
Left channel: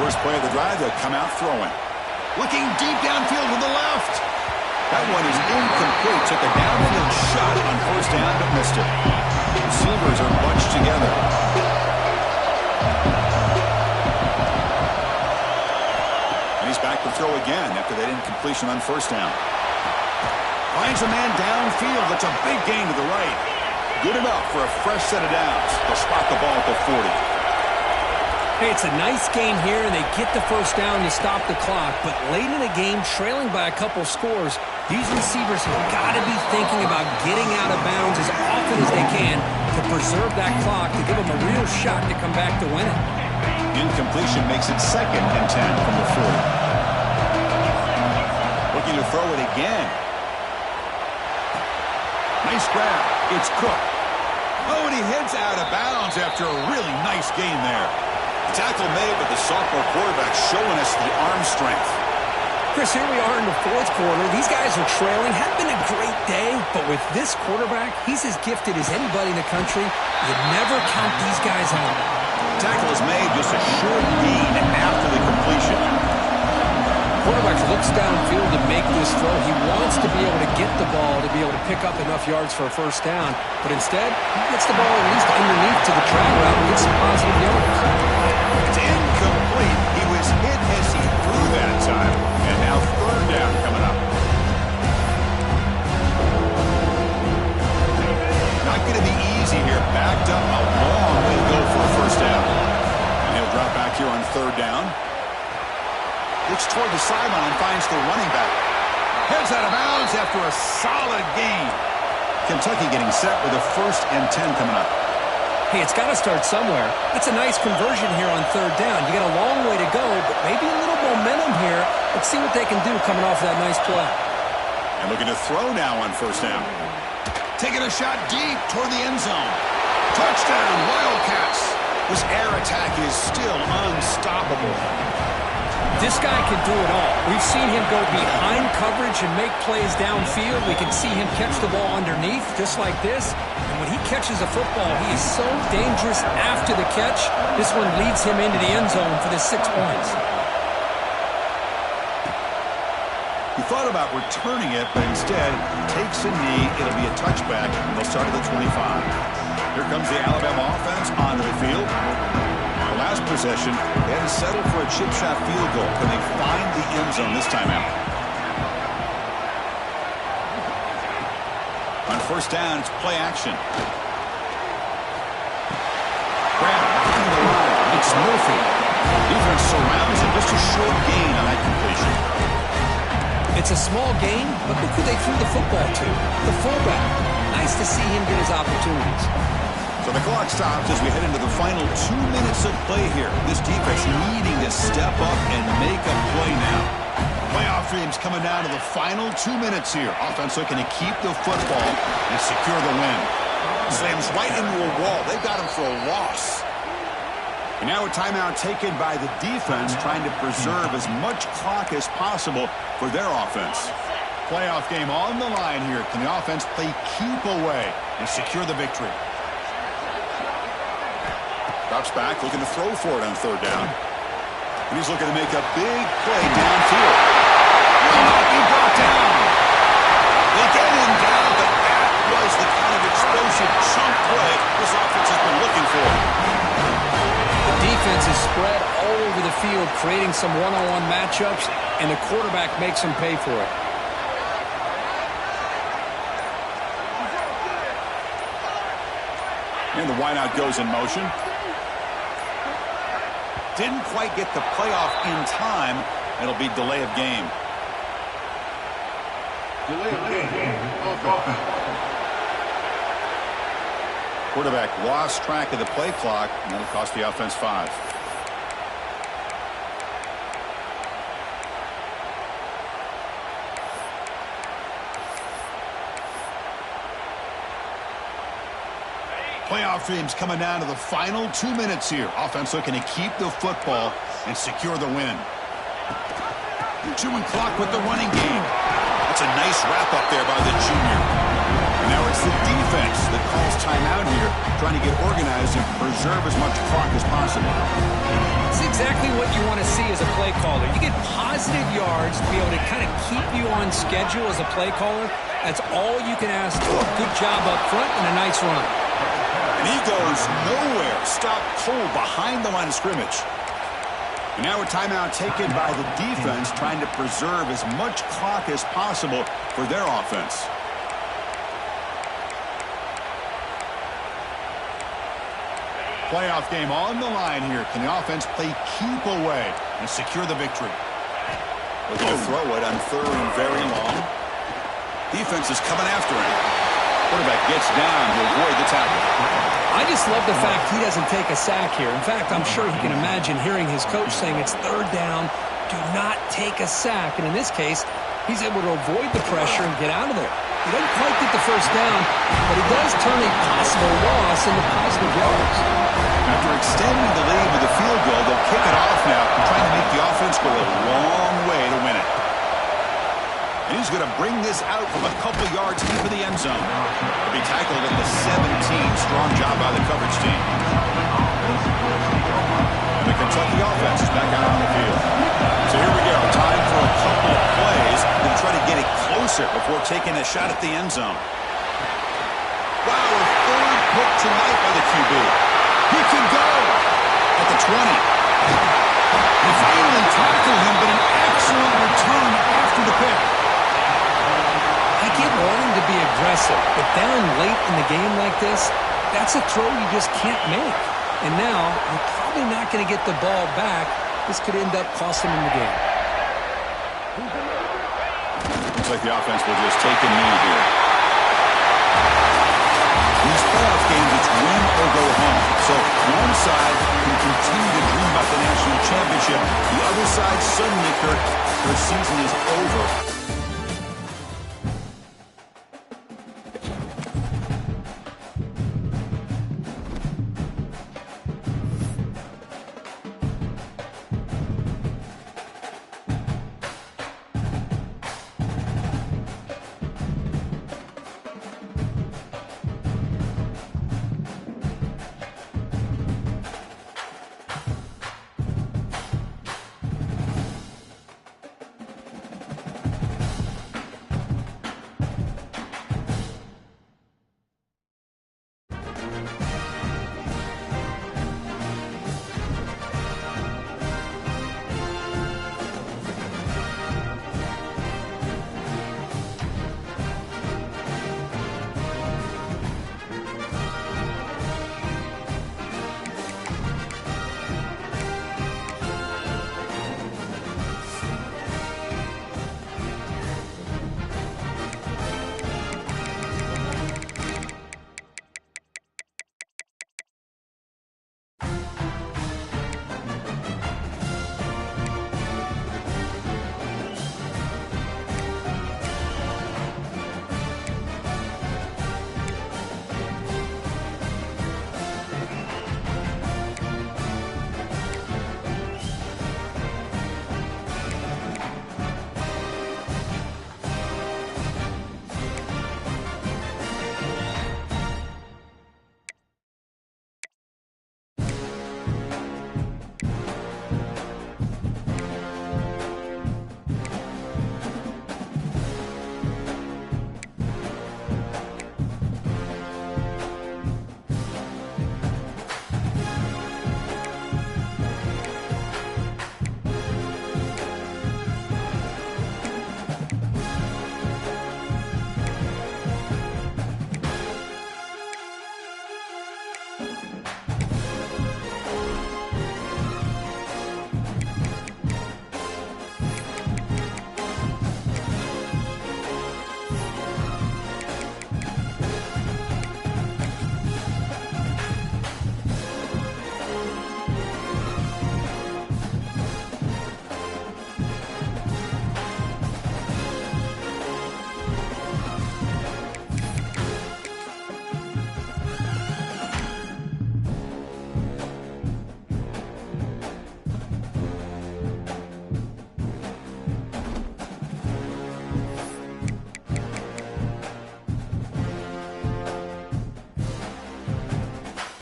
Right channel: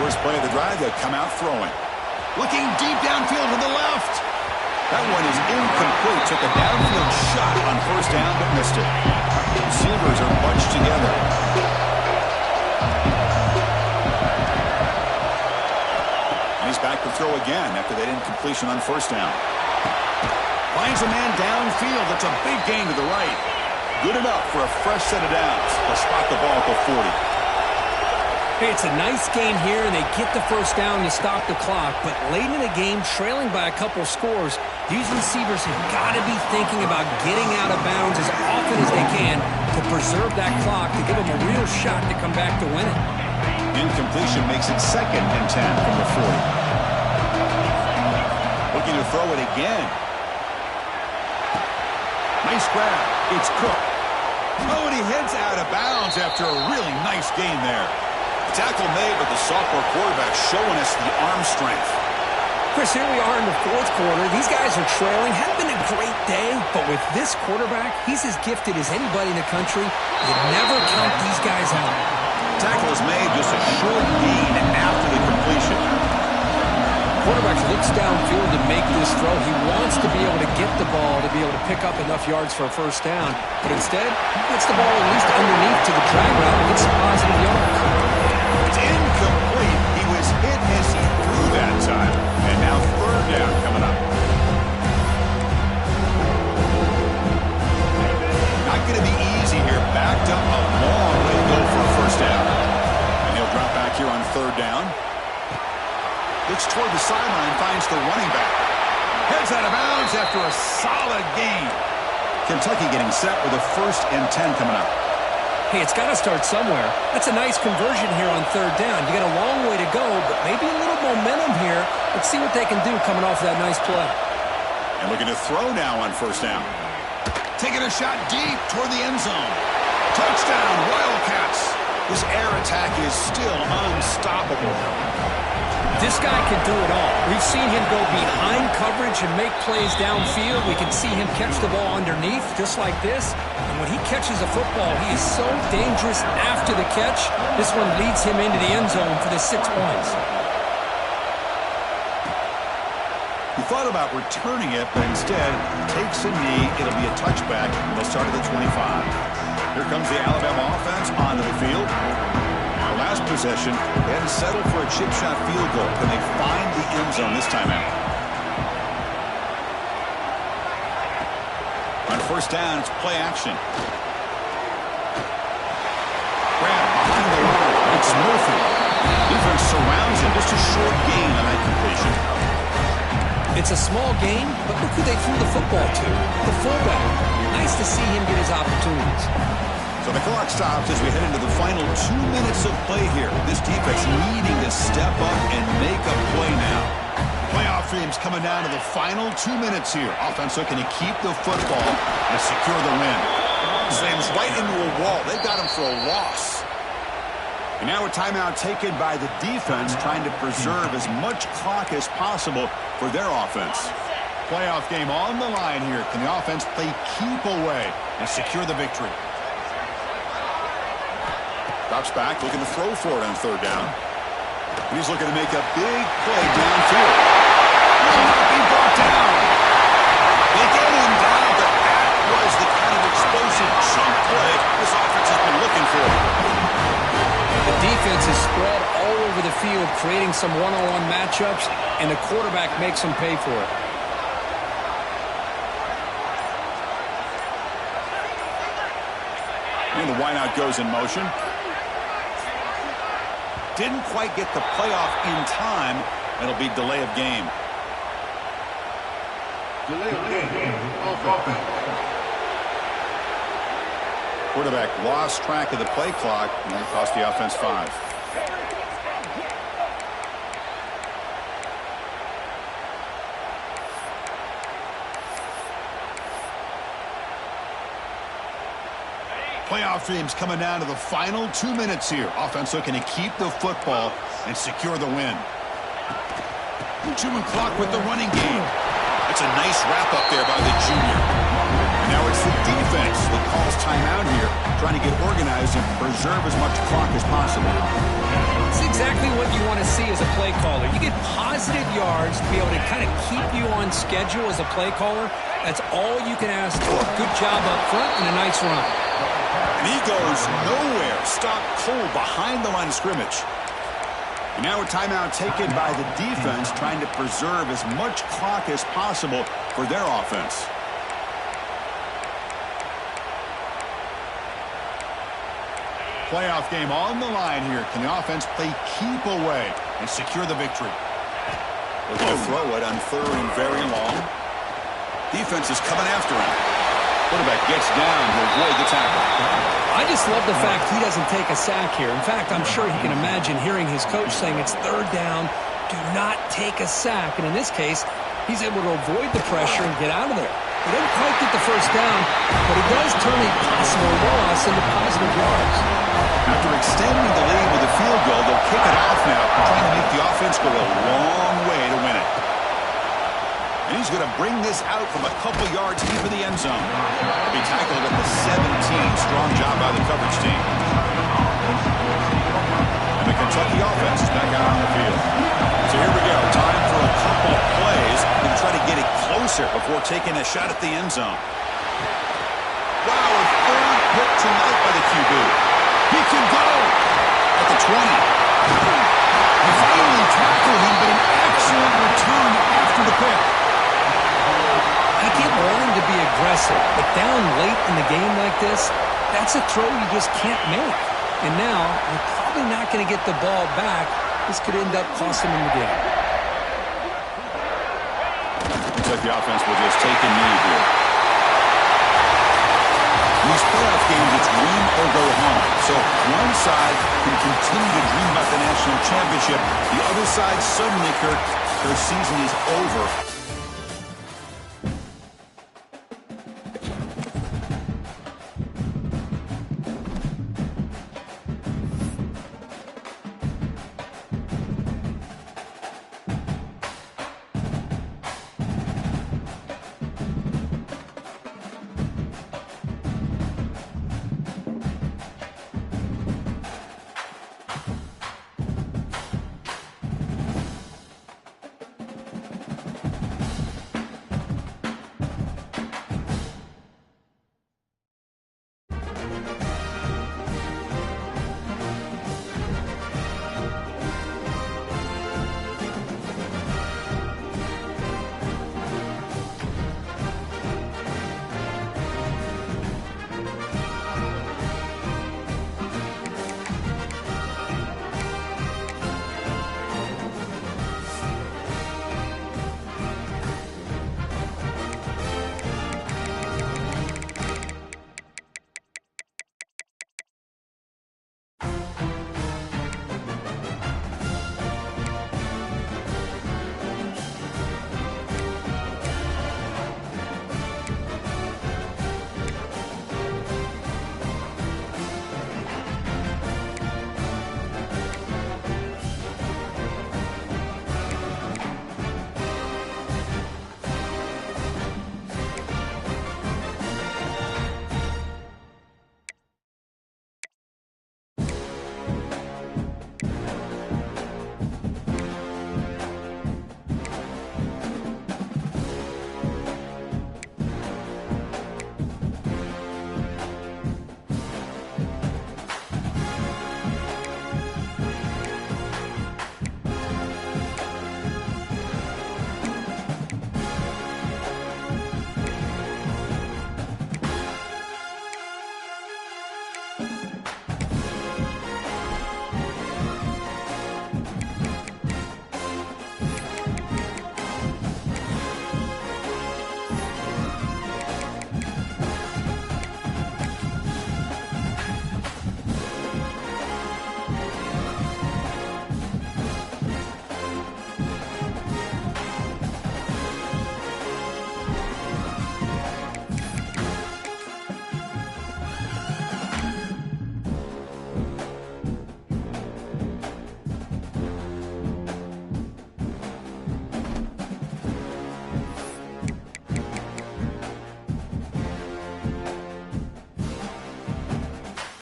First play of the drive, they'll come out throwing. Looking deep downfield to the left. That one is incomplete. Took a downfield shot on 1st down, but missed it. Receivers are bunched together. And he's back to throw again after that incompletion on 1st down. Finds a man downfield. That's a big gain to the right. Good enough for a fresh set of downs. They'll spot the ball at the 40. Hey, it's a nice gain here, and they get the 1st down to stop the clock. But late in the game, trailing by a couple scores, these receivers have got to be thinking about getting out of bounds as often as they can to preserve that clock, to give them a real shot to come back to win it. Incompletion makes it 2nd and 10 from the 40. Looking to throw it again. Nice grab. It's Cook. Oh, and he heads out of bounds after a really nice gain there. Tackle made, but the sophomore quarterback showing us the arm strength. Chris, here we are in the 4th quarter. These guys are trailing. Hadn't been a great day, but with this quarterback, he's as gifted as anybody in the country. You never count these guys out. Tackle is made, just a short gain after the completion. Quarterback looks downfield to make this throw. He wants to be able to get the ball to be able to pick up enough yards for a 1st down, but instead, he gets the ball at least underneath to the drag route and gets some positive yards. It's incomplete. He was hit as he threw that time. And now 3rd down coming up. Not going to be easy here. Backed up a long way to go for a 1st down. And he'll drop back here on 3rd down. Looks toward the sideline, finds the running back. Heads out of bounds after a solid gain. Kentucky getting set with a 1st and 10 coming up. Hey, it's got to start somewhere. That's a nice conversion here on 3rd down. You got a long way to go, but maybe a little momentum here. Let's see what they can do coming off that nice play. And looking to throw now on 1st down. Taking a shot deep toward the end zone. Touchdown, Wildcats. This air attack is still unstoppable. This guy can do it all. We've seen him go behind coverage and make plays downfield. We can see him catch the ball underneath, just like this. And when he catches a football, he is so dangerous after the catch. This one leads him into the end zone for the 6 points. He thought about returning it, but instead takes a knee. It'll be a touchback, and they'll start at the 25. Here comes the Alabama offense onto the field. The last possession, they had to settle for a chip shot field goal. Can they find the end zone this time out? On 1st down, it's play action. Grab behind the line. It's Murphy. Defense surrounds him. Just a short gain on that completion. It's a small gain, but look who they threw the football to. The fullback. Nice to see him get his opportunities. So the clock stops as we head into the final 2 minutes of play here. This defense needing to step up and make a play now. Playoff dreams coming down to the final 2 minutes here. Offense looking to keep the football and secure the win. Slams right into a wall. They've got him for a loss. And now a timeout taken by the defense, trying to preserve as much clock as possible for their offense. Playoff game on the line here. Can the offense play keep away and secure the victory? Drops back, looking to throw for it on 3rd down. And he's looking to make a big play downfield. Will not be brought down. They get him down, but that was the kind of explosive chunk play this offense has been looking for. The defense is spread all over the field, creating some one-on-one matchups, and the quarterback makes them pay for it. And the wideout goes in motion. Didn't quite get the playoff in time. It'll be delay of game. Delay of game. Offense. Quarterback lost track of the play clock, and that'll cost the offense 5. Playoff dreams coming down to the final 2 minutes here. Offense looking to keep the football and secure the win. Chewing clock with the running game. That's a nice wrap up there by the junior. And now it's the defense that calls timeout here, trying to get organized and preserve as much clock as possible. It's exactly what you want to see as a play caller. You get positive yards to be able to kind of keep you on schedule as a play caller. That's all you can ask for. Good job up front and a nice run. And he goes nowhere. Stopped cold behind the line of scrimmage. And now a timeout taken by the defense, trying to preserve as much clock as possible for their offense. Playoff game on the line here. Can the offense play keep away and secure the victory? Looking to throw it on 3rd and very long. Defense is coming after him. Quarterback gets down to avoid the tackle. I just love the fact he doesn't take a sack here. In fact, I'm sure he can imagine hearing his coach saying it's 3rd down, do not take a sack. And in this case, he's able to avoid the pressure and get out of there. He doesn't quite get the 1st down, but he does turn a possible loss into positive yards. After extending the lead with a field goal, they'll kick it off now, trying to make the offense go a long way to win it. And he's going to bring this out from a couple yards deep in the end zone. He'll be tackled at the 17. Strong job by the coverage team. And the Kentucky offense is back out on the field. So here we go. Time for a couple of plays. Going to try to get it closer before taking a shot at the end zone. Wow, a 3rd pick tonight by the QB. He can go at the 20. They finally tackle him, but an excellent return after the pick. I get wanting to be aggressive, but down late in the game like this, that's a throw you just can't make. And now, you're probably not going to get the ball back. This could end up costing him the game. Looks like the offense will just take a knee here. In these playoff games, it's win or go home. So one side can continue to dream about the national championship. The other side, suddenly, Kirk, their season is over.